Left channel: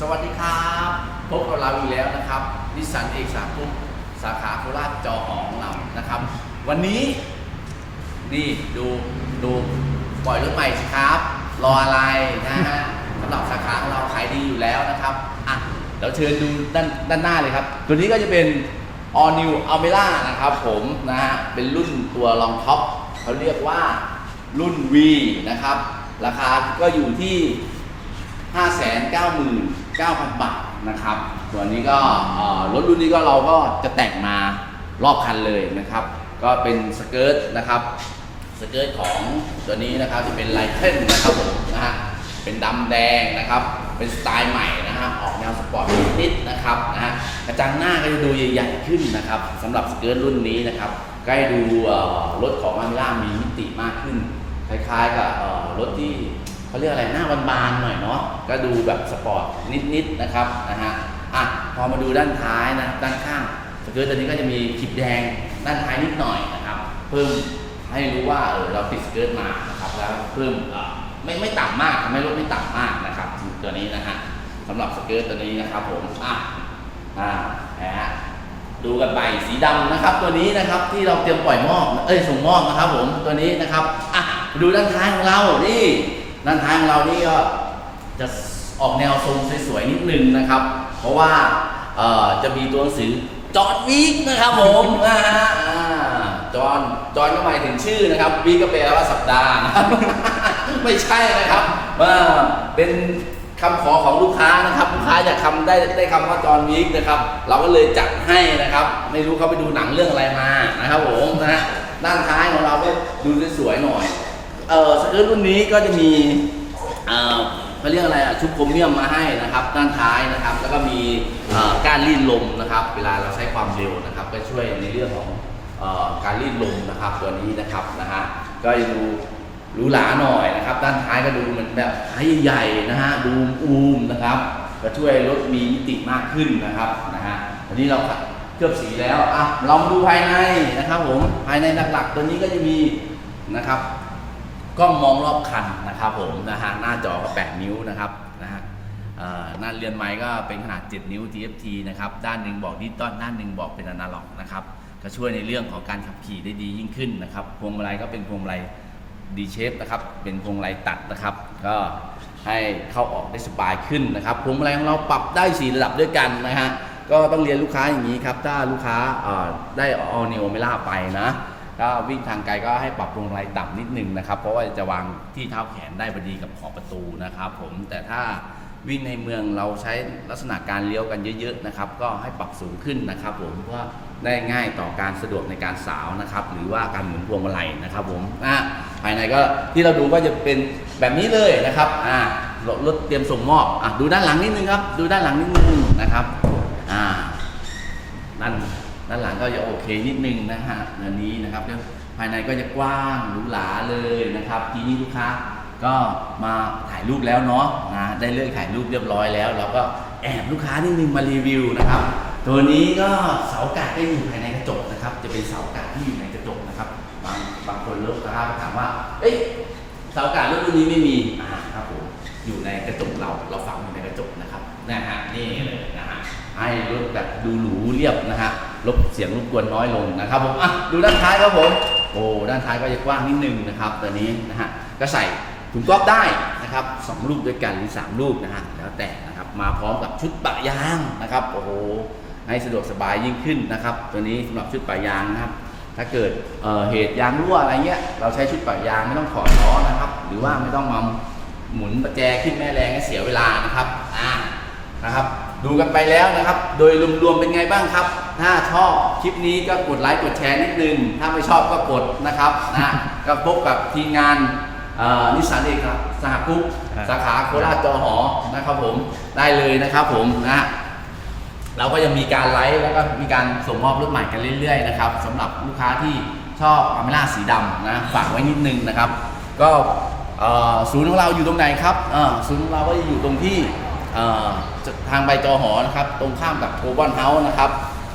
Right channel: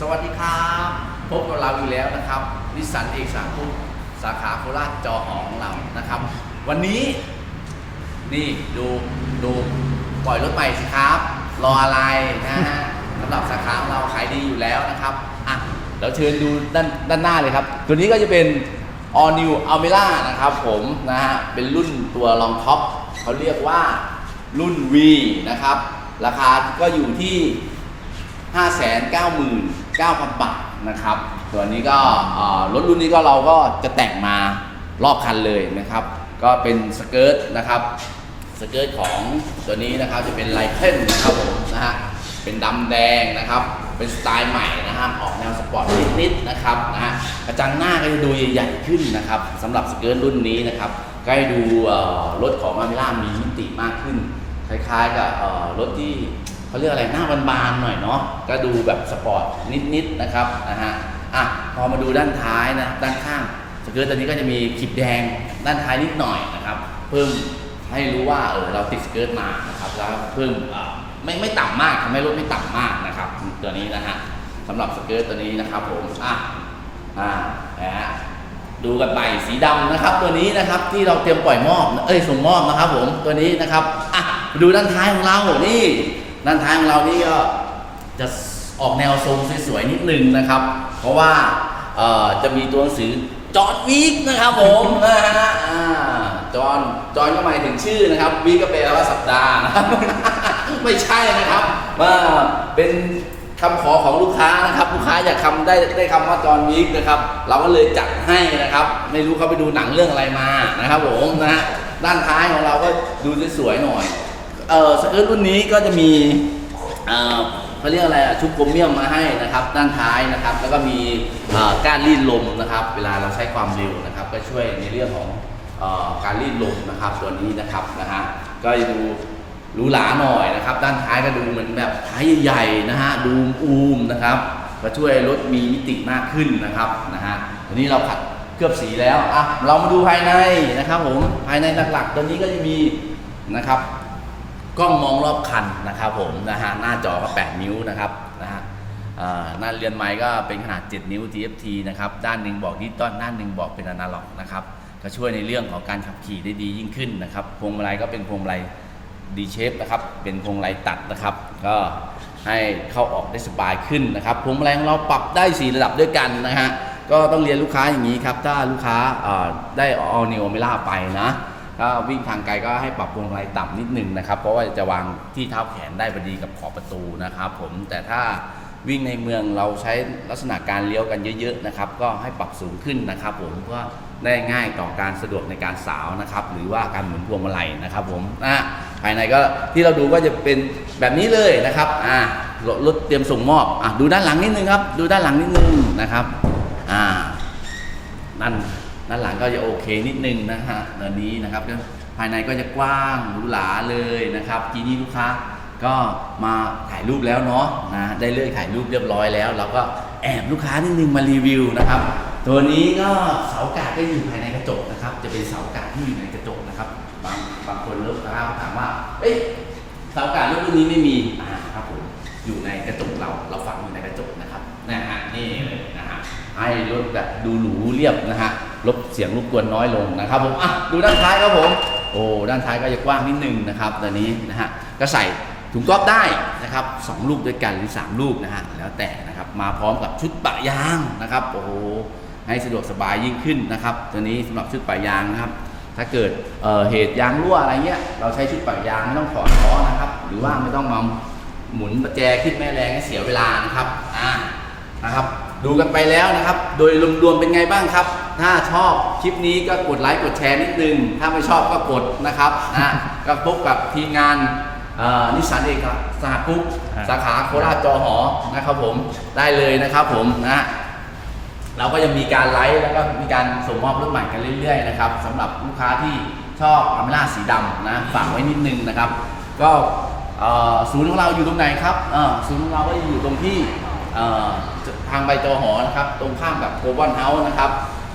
สวัสดีครับ พบกับเราอีกแล้วนะครับนิสสันเอกสามพุ่สาขาโคราชจอหอของเรานะครับ วันนี้ นี่ดูดูปล่อยรถใหม่สิครับ รออะไรนะฮะสำหรับสาขาของเราขายดีอยู่แล้วนะครับอะเราเชิญดูด้านด้านหน้าเลยครับ ตัวนี้ก็จะเป็น All New Almera นะครับผมนะฮะเป็นรุ่นตัวรองท็อปเขาเรียกว่ารุ่น V นะครับ ราคาก็อยู่ที่ 599,000 บาทนะครับส่วนี้ก็รถรุ่นนี้ก็เราก็จะแต่งมารอบคันเลยนะครับ ก็เป็นสเกิร์ตนะครับสเกิร์ตของตัวนี้นะครับจะเป็นไลเคิลนะครับผมนะฮะเป็นดำแดงนะครับ เป็นสไตล์ใหม่นะฮะออกแนวสปอร์ตนิดๆนะครับนะฮะกระจังหน้าก็จะดูใหญ่ขึ้นนะครับสำหรับสเกิร์ตรุ่นนี้นะครับก็ให้ดูรถของอามิล่ามีมิติมากขึ้น คล้ายๆกับรถที่ เขาเรียกอะไรหน้าบานๆหน่อยเนาะก็ดูแบบสปอร์ตนิดๆนะครับนะฮะอะพอมาดูด้านท้ายนะด้านข้างสเกิร์ตตัวนี้ก็จะมีขีดแดงด้านท้ายนิดหน่อยนะครับเพิ่มให้รู้ว่าเออเราติดสเกิร์ตมานะครับแล้วเพิ่มเอ่อไม่ไม่ต่ำมากทำให้รถไม่ต่ำมากนะครับตัวนี้นะฮะสำหรับสเกิร์ตตัวนี้นะครับผมอะอ่านะฮะดูกันไปสีดำนะครับ ตัวนี้นะครับที่เราเตรียมปล่อยมอบเอ้ยส่งมอบนะครับผมตัวนี้นะครับอะดูด้านท้ายของเรานี่ ด้านท้ายของเรานี่ก็จะออกแนวทรงสวยๆนิดนึงนะครับ เพราะว่าเอ่อจะมีตัวหนังสือจอร์ดวีคนะครับผมนะฮะอ่าจอห์นจอห์นก็หมายถึงชื่อนะครับวีคก็แปลว่าสัปดาห์นะครับไม่ใช่นะครับว่าเป็นคำขอของลูกค้านะครับลูกค้าอยากคำได้ได้คำว่าจอห์นวีคนะครับ เราก็เลยจัดให้นะครับ ไม่รู้เขาไปดูหนังเรื่องอะไรมานะครับผมนะฮะด้านท้ายของเราก็ดูสวยๆหน่อย เอ่อสเกิร์ตรุ่นนี้ก็จะมีเอ่อเขาเรียกอะไรอะชุบโครเมียมมาให้นะครับ ด้านท้ายนะครับ แล้วก็มีเอ่อก้านรีดลมนะครับ เวลาเราใช้ความเร็วนะครับ ก็ช่วยในเรื่องของเอ่อการรีดลมนะครับ ตัวนี้นะครับนะฮะก็จะดูหรูหราหน่อยนะครับ ด้านท้ายก็ดูเหมือนแบบท้ายใหญ่ๆนะฮะดูอูมๆนะครับก็ช่วยรถมีมิติมากขึ้นนะครับนะฮะอันนี้เราขัดเคลือบสีแล้วอะเรามาดูภายในนะครับผมภายในหลักๆตัวนี้ก็จะมีนะครับ กล้องมองรอบคันนะครับผมนะฮะหน้าจอก็8นิ้วนะครับนะฮะหน้าเรือนไม้ก็เป็นขนาด 7 นิ้ว TFT นะครับด้านหนึ่งบอกดิจิตอลด้านหนึ่งบอกเป็นอนาล็อกนะครับก็ช่วยในเรื่องของการขับขี่ได้ดียิ่งขึ้นนะครับพวงมาลัยก็เป็นพวงมาลัยดีเชฟนะครับเป็นพวงมาลัยตัดนะครับ ก็ให้เข้าออกได้สบายขึ้นนะครับพวงมาลัยของเราปรับได้สี่ระดับด้วยกันนะฮะก็ต้องเรียนลูกค้าอย่างนี้ครับ ถ้าลูกค้าได้ออนิวเมล่าไปนะ ถ้าวิ่งทางไกลก็ให้ปรับพวงมาลัยต่ำนิดนึงนะครับ เพราะว่าจะวางที่เท้าแขนได้พอดีกับขอบประตูนะครับ ผมแต่ถ้าวิ่งในเมืองเราใช้ลักษณะการเลี้ยวกันเยอะๆนะครับ ก็ให้ปรับสูงขึ้นนะครับ ผมเพื่อได้ง่ายต่อการสะดวกในการสาวนะครับ หรือว่าการหมุนพวงมาลัยนะครับ ผมอะภายในก็ที่เราดูก็จะเป็นแบบนี้เลยนะครับอ่ารถเตรียมส่งมอบอะดูด้านหลังนิดนึงครับ ดูด้านหลังนิดนึงนะครับอ่าด้าน ด้านหลังก็จะโอเคนิดนึงนะฮะอันนี้นะครับก็ภายในก็จะกว้างหรูหราเลยนะครับ ทีนี้ลูกค้าก็มาถ่ายรูปแล้วเนาะนะได้เลือกถ่ายรูปเรียบร้อยแล้ว เราก็แอบลูกค้านิดนึงมารีวิวนะครับ ตัวนี้ก็เสากาดก็อยู่ภายในกระจกนะครับ จะเป็นเสากาดที่อยู่ในกระจกนะครับ บางบางคนลูกค้าถามว่า เอ้ยเสากาดรุ่นนี้ไม่มีอ่าครับผมอยู่ในกระจกเราเราฝังอยู่ในกระจกนะครับนะฮะนี่เลยนะฮะให้รถแบบดูหรูเรียบนะฮะ ลดเสียงรบกวนน้อยลงนะครับผมอะดูด้านท้ายครับผมโอ้ด้านท้ายก็จะกว้างนิดนึงนะครับตัวนี้นะฮะก็ใส่ถุงก๊อบได้นะครับสองลูกด้วยกันหรือสามลูกนะฮะแล้วแต่นะครับมาพร้อมกับชุดปะยางนะครับโอ้โหให้สะดวกสบายยิ่งขึ้นนะครับ ตัวนี้สำหรับชุดปะยางนะครับ ถ้าเกิดเเหตุยางรั่วอะไรเงี้ยเราใช้ชุดปะยางไม่ต้องถอดล้อนะครับ หรือว่าไม่ต้องมาหมุนประแจขึ้นแม่แรงให้เสียเวลานะครับอ่านะครับ ดูกันไปแล้วนะครับ โดยรวมๆเป็นไงบ้างครับ ถ้าชอบคลิปนี้ก็กดไลค์กดแชร์นิดนึง ถ้าไม่ชอบก็กดนะครับนะก็พบกับทีมงานเอ่อนิสสันเอกสหกุ๊ปอ่าสาขาโคราชจอหอนะครับผมได้เลยนะครับผมนะเราก็ยังมีการไลฟ์แล้วก็มีการส่งมอบรถใหม่กันเรื่อยๆนะครับสำหรับลูกค้าที่ชอบอเมล่าสีดำนะฝากไว้นิดนึงนะครับ ก็เอ่อศูนย์ของเราอยู่ตรงไหนครับเอ่อศูนย์ของเราก็อยู่ตรงที่เอ่อ ทางใบจอหอนะครับ ตรงข้ามกับโคบอนเฮาส์นะครับ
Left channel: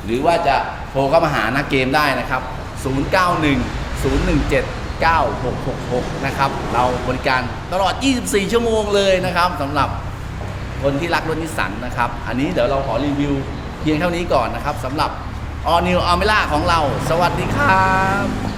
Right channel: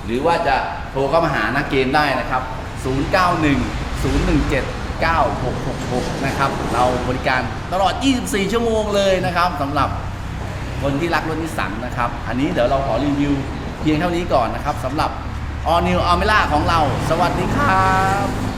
หรือว่าจะโทรเข้ามาหานักเกมได้นะครับ 091 017 9666 นะครับ เราบริการตลอด 24 ชั่วโมงเลยนะครับสำหรับคนที่รักรถนิสสันนะครับ อันนี้เดี๋ยวเราขอรีวิวเพียงเท่านี้ก่อนนะครับสำหรับ All New Almera ของเรา สวัสดีครับ